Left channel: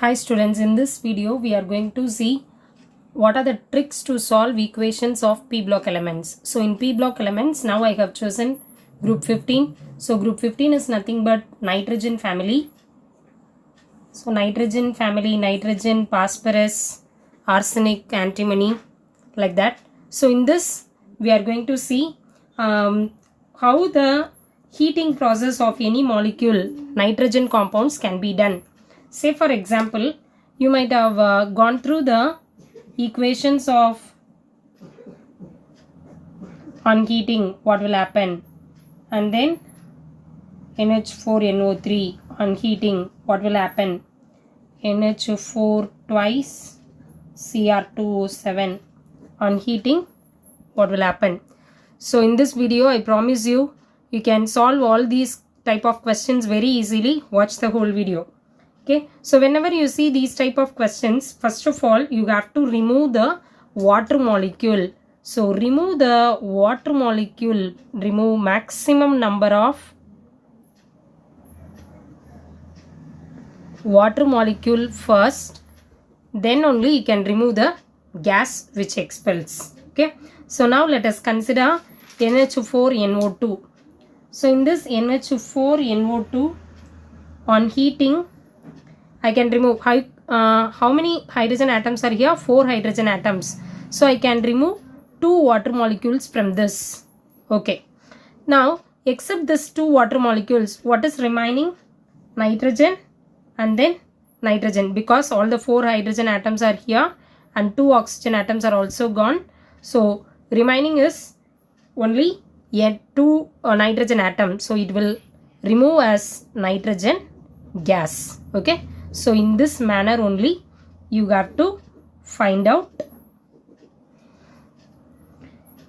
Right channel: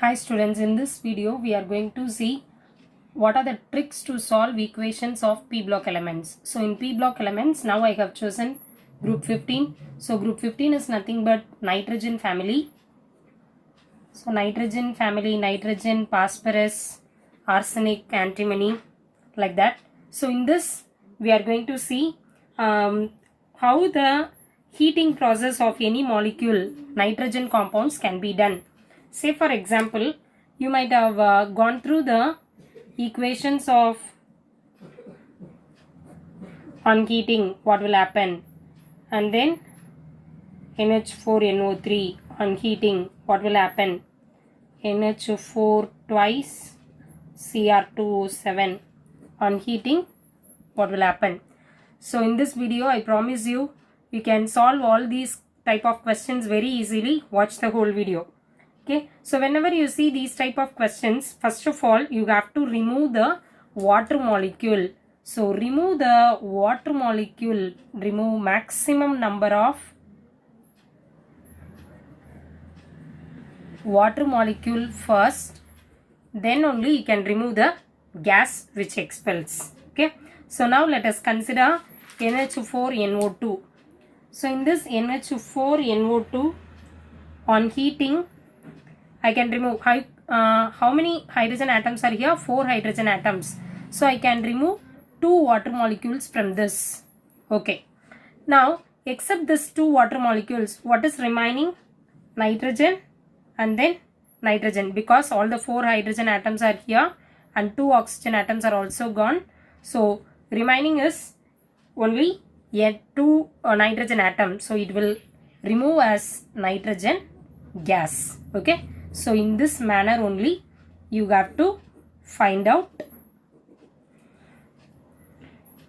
Hi students, in this video we are going to see what are the tricks to solve equations of p block elements. So in p block elements now I have chosen group 15. So group 15 is nothing but nitrogen family. So nitrogen family, nitrogen, phosphorus, arsenic, antimony, like that. So in this we are going to see how the heating process of any molecule nitrogen compounds can be done. Say for example, you might have gone through the equations of on heating, what will happen, and then NH4NO3 on heating, what will happen, NH4 twice Cr2O7 on heating, what will happen. So in this video I promise you can solve all these type of questions very easily. Watch the whole video. Okay, so whenever you see these type of questions, first of all you have to remove the water molecule. So remove the water molecule, remove maximum number of water molecule first, then only you can remove the gas which expels. Okay, so now let us consider NH4NO2. So in this NH4NO2 on heating, I can remove how many hydrogen atoms are here? 4 hydrogen atoms. So I can remove 2 water molecules from this. Okay. Now except this 2 water molecules, what is remaining? Nitrogen and then nitrogen, because all the 4 hydrogen atoms are here and 2 oxygen atoms are also gone. So remaining is only a 2 nitrogen atom. So it will remove as nitrogen gas. Okay. So in this manner only you have to find out.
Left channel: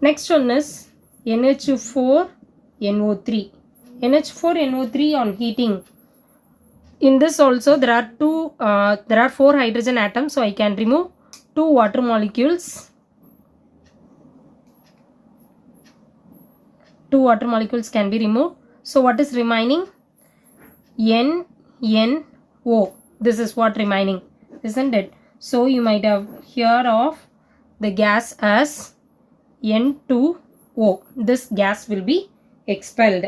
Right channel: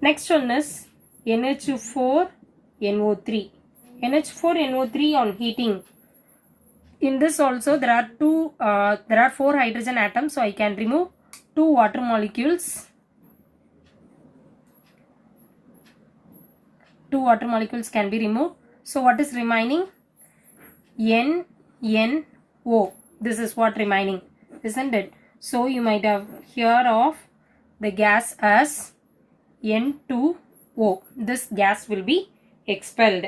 Next one is NH4NO3. NH4NO3 on heating. In this also there are 4 hydrogen atoms, so I can remove 2 water molecules. 2 water molecules can be removed. So what is remaining? NNO. This is what remaining, isn't it? So you might have heard of the gas as N2O. This gas will be expelled.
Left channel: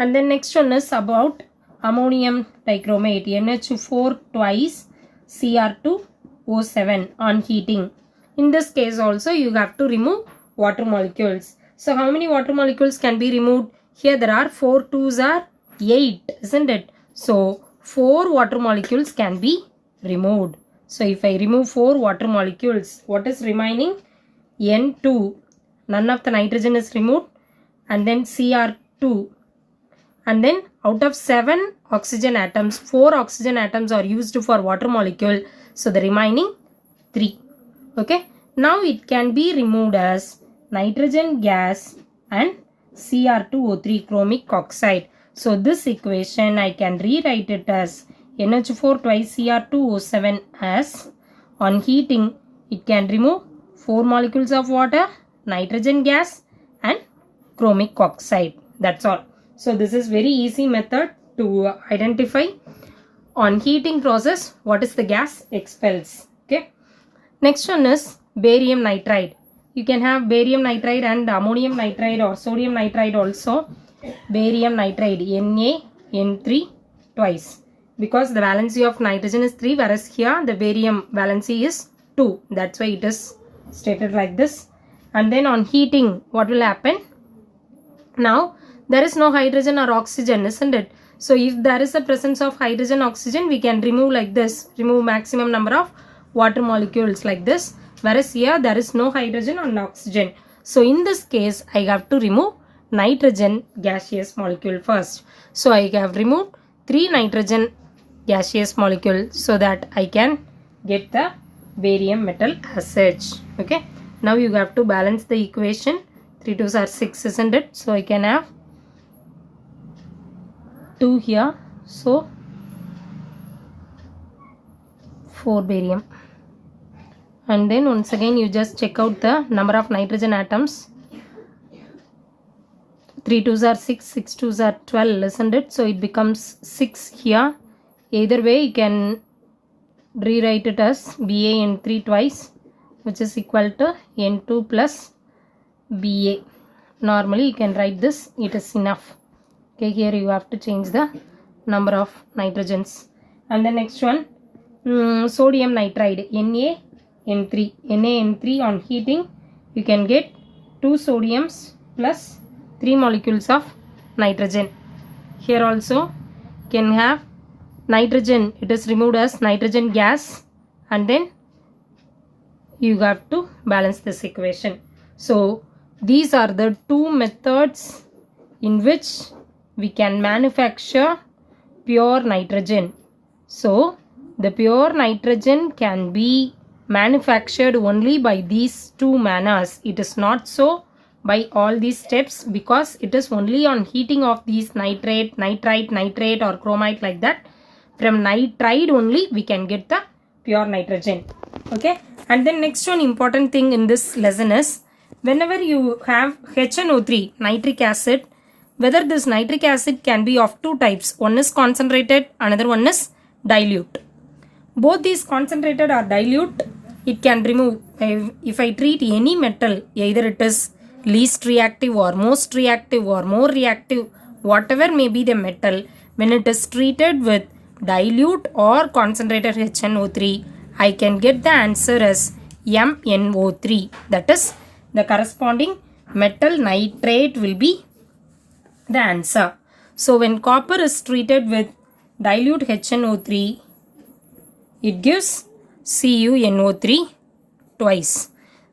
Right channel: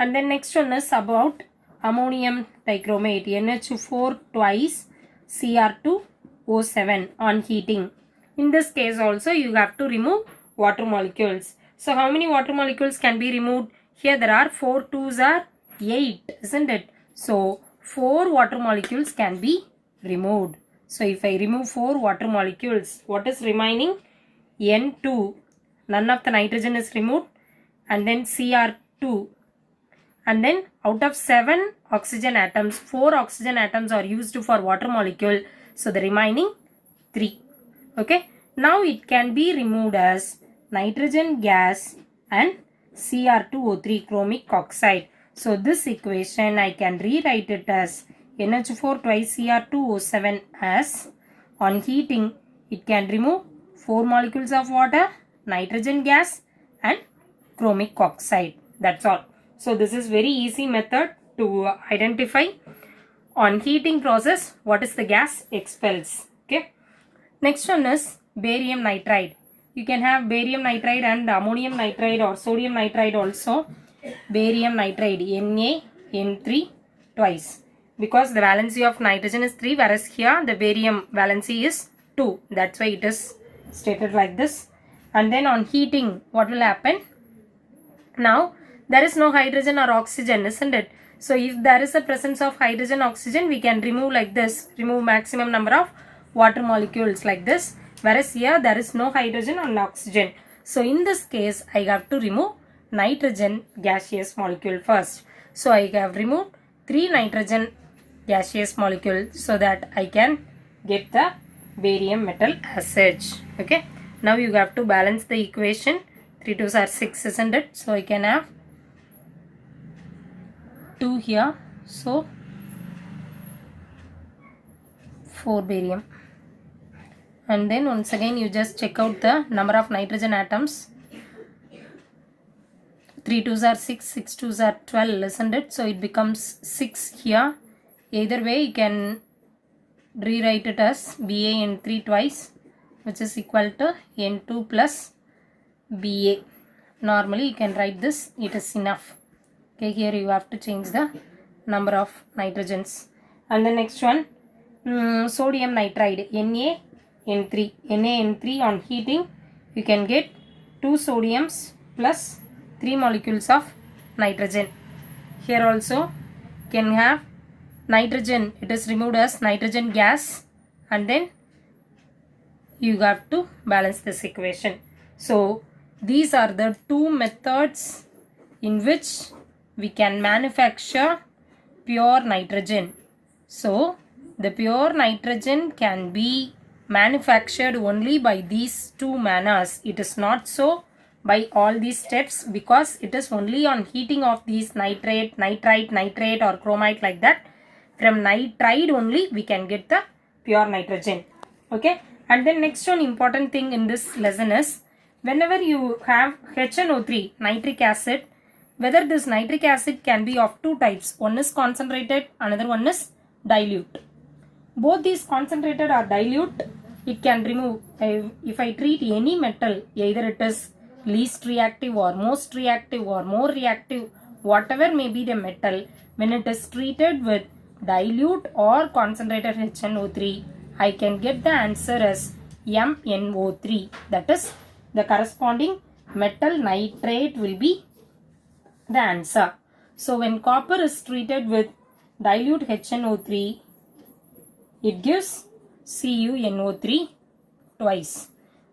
And then next one is about ammonium dichromate, NH4 twice Cr2O7 on heating. In this case also you have to remove water molecules. So how many water molecules can be removed? Here there are 4 2s are 8, isn't it? So 4 water molecules can be removed. So if I remove 4 water molecules, what is remaining? N2. None of the nitrogen is removed, and then Cr2. And then out of 7 oxygen atoms, 4 oxygen atoms are used for water molecule. So the remaining 3. Okay. Now it can be removed as nitrogen gas and Cr2O3 chromic oxide. So this equation I can rewrite it as NH4 twice Cr2O7 as on heating it can remove 4 molecules of water, nitrogen gas and chromic oxide. That's all. So this is very easy method to identify on heating process what is the gas expels. Okay. Next one is barium nitride. You can have barium nitride and ammonium nitride or sodium nitride also. Barium nitride Na, N3 twice, because the valency of nitrogen is 3, whereas here the barium valency is 2. That's why it is stated like this. And then on heating what will happen? Now there is no hydrogen or oxygen, isn't it? So if there is a presence of hydrogen, oxygen, we can remove like this, remove maximum number of water molecules like this, whereas here there is no hydrogen or oxygen. So in this case I have to remove nitrogen gaseous molecule first. So I have removed 3 nitrogen gaseous molecule so that I can get the barium metal as such. Okay. Now you have to balance the equation. 3 2s are 6, isn't it? So I can have 2 here. So 4 barium. And then once again you just check out the number of nitrogen atoms. 3 2s are 6, 6 2s are 12, isn't it? So it becomes 6 here. Either way you can rewrite it as BaN3 twice, which is equal to N2 plus Ba. Normally you can write this, it is enough. Okay, here you have to change the number of nitrogens. And the next one, sodium nitride, NaN3. NaN3 on heating, you can get 2 sodiums plus 3 molecules of nitrogen. Here also can have nitrogen, it is removed as nitrogen gas, and then you have to balance this equation. So these are the two methods in which we can manufacture pure nitrogen. So the pure nitrogen can be manufactured only by these two manners. It is not so by all these steps, because it is only on heating of these nitrate, nitrite, nitrate or chromite, like that. From nitride only we can get the pure nitrogen. Okay. And then next one important thing in this lesson is, whenever you have HNO3, nitric acid, whether this nitric acid can be of two types. One is concentrated, another one is dilute. Both these concentrated or dilute, it can remove. If I treat any metal, either it is least reactive or most reactive or more reactive, whatever may be the metal, when it is treated with dilute or concentrated HNO3, I can get the answer as MnO3. That is, the corresponding metal nitrate will be the answer. So when copper is treated with dilute HNO3, it gives CuNO3 twice.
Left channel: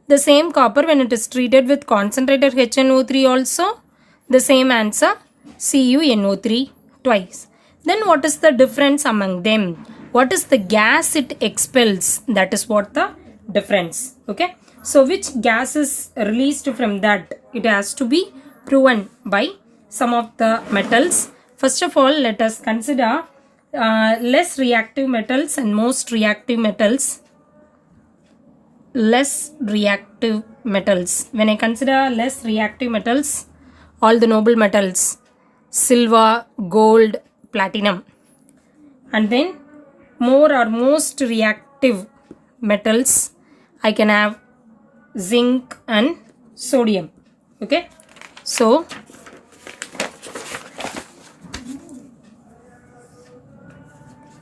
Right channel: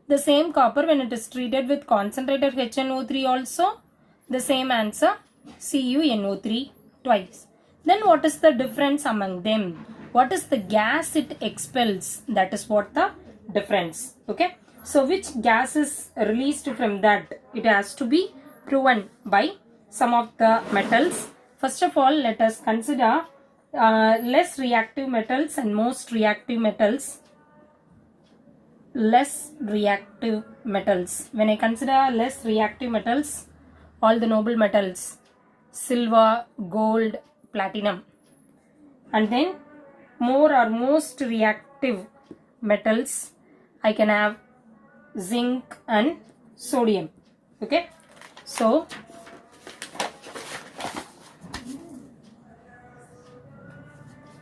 The same copper, when it is treated with concentrated HNO3 also, the same answer, CuNO3 twice. Then what is the difference among them? What is the gas it expels? That is what the difference. Okay. So which gas is released from that? It has to be proven by some of the metals. First of all, let us consider less reactive metals and most reactive metals. Less reactive metals. When I consider less reactive metals, all the noble metals, silver, gold, platinum. And then more or most reactive metals, I can have zinc and sodium. Okay. So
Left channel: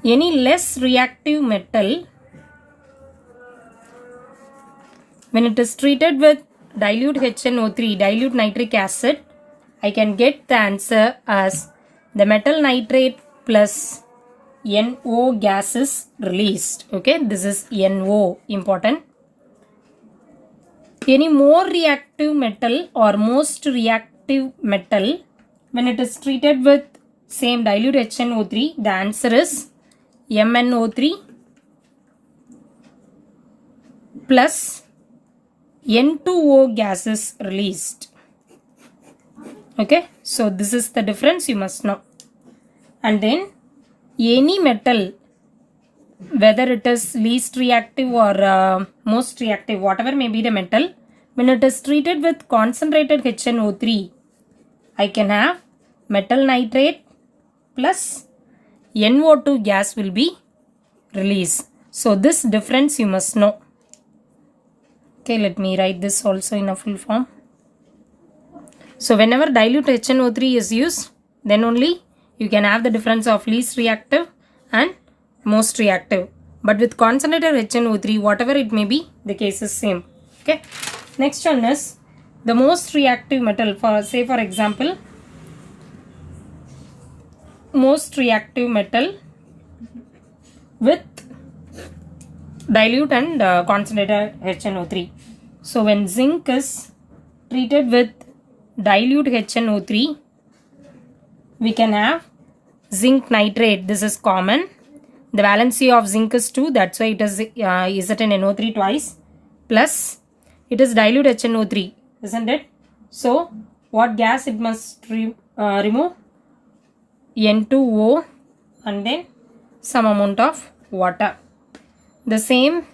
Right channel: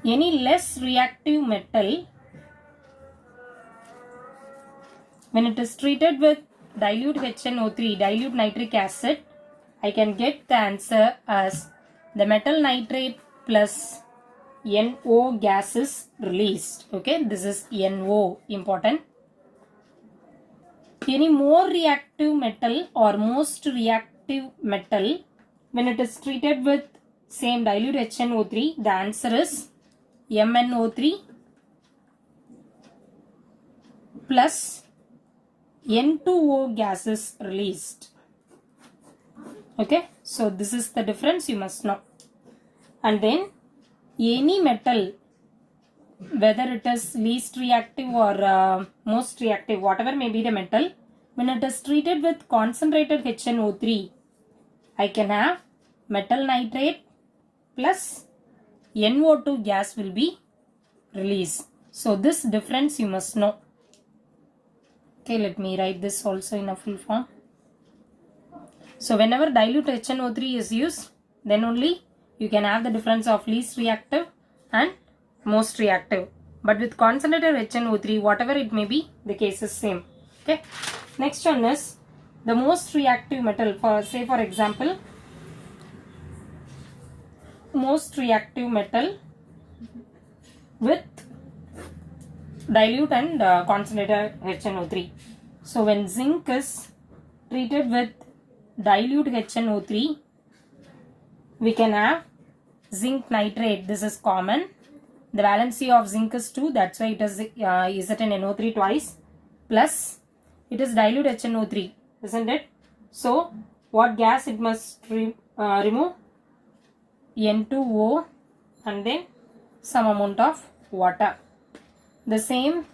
any less reactive metal, when it is treated with dilute HNO3, dilute nitric acid, I can get the answer as the metal nitrate plus NO gas is released. Okay, this is NO, important. Any more reactive metal or most reactive metal, when it is treated with same dilute HNO3, the answer is MnO3 plus N2O gas is released. Okay, so this is the difference you must know. And then any metal, whether it is least reactive or most reactive, whatever may be the metal, when it is treated with concentrated HNO3, I can have metal nitrate plus NO2 gas will be released. So this difference you must know. Okay, let me write this also in a full form. So whenever dilute HNO3 is used, then only you can have the difference of least reactive and most reactive. But with concentrated HNO3, whatever it may be, the case is same. Okay. Next one is the most reactive metal. For say for example, most reactive metal with dilute and concentrated HNO3. So when zinc is treated with dilute HNO3, we can have zinc nitrate. This is common. The valency of zinc is 2, that's why it is ZnNO3 twice, plus it is dilute HNO3, isn't it? So what gas it must remove? N2O and then some amount of water. The same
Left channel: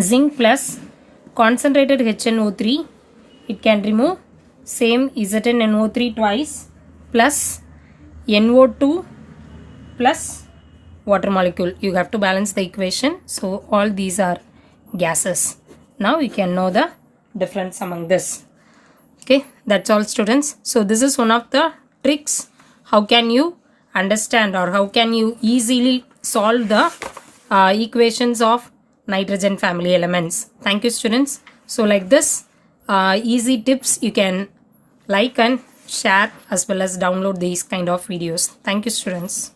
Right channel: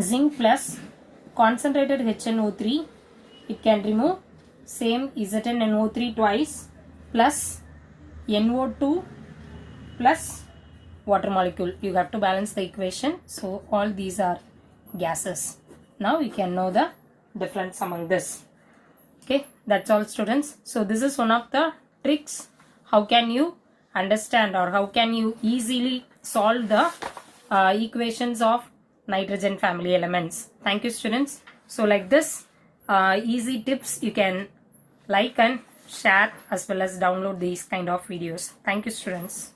zinc plus concentrated HNO3, it can remove same ZnNO3 twice plus NO2 plus water molecule. You have to balance the equation. So all these are gases. Now you can know the difference among this. Okay, that's all students. So this is one of the tricks. How can you understand or how can you easily solve the equations of nitrogen family elements. Thank you students. So like this easy tips you can like and share as well as download these kind of videos. Thank you students.